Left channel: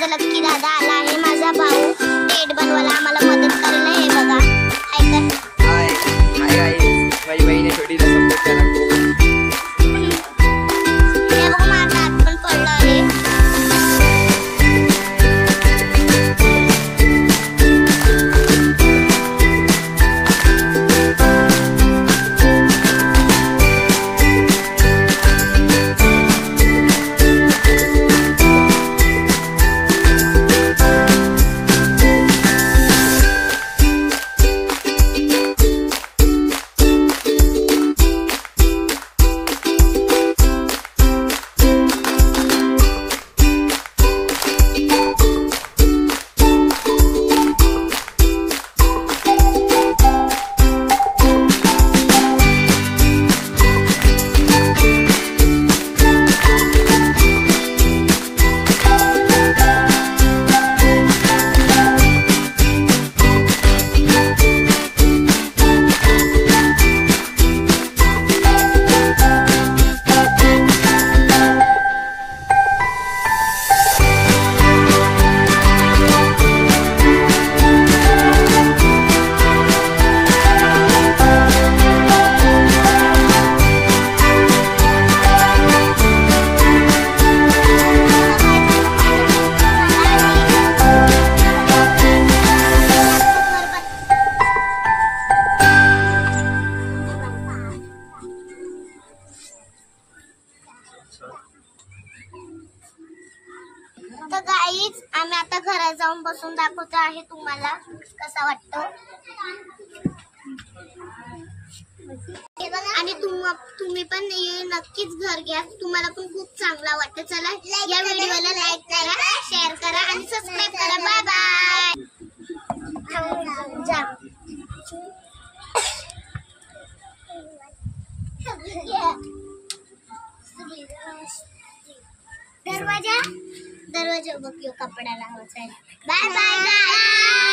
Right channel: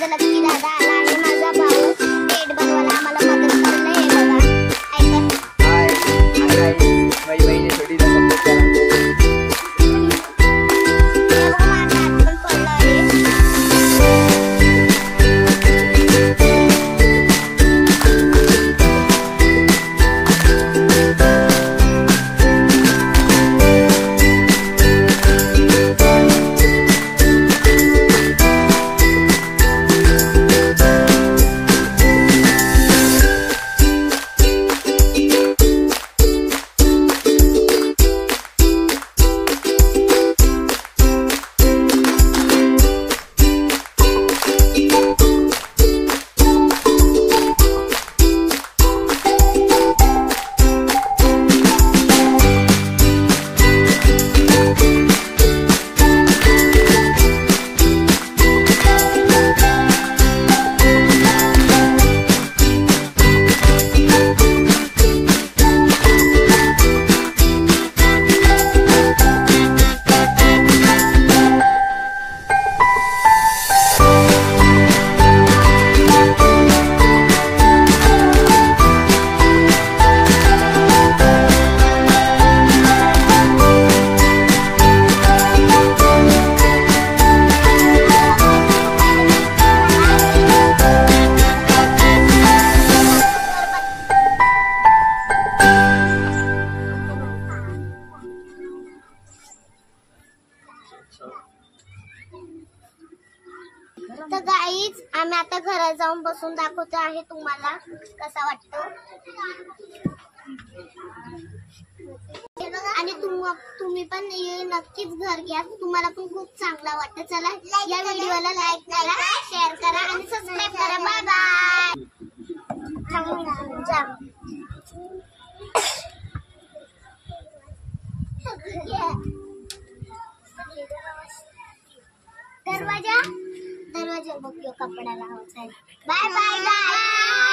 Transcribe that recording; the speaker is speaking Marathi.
माझा लक्की दादा आला आहे, माझा भाऊ पेट बनवायला आम्हाला मदत करायला. हे बघा हाय कर. हाय माझी बहीण आहे छोटी, सपोर्ट करा. हे बघा माझा हात पण पडला आहे. तर गाईज आम्ही आता घरात जाऊन बसून दाखवतो आहे तुम्हाला कसा वाटतं. आणि तुम्ही पण नक्कीच घर घ्या, तुम्हाला पण खूप चांगला वाटतं. चला या व्हिडिओला लाईक करा, शेअर करा आणि सबस्क्राईब करा. Bye bye. जा दरवाजा बघ, कपडा लावायचा. Bye bye.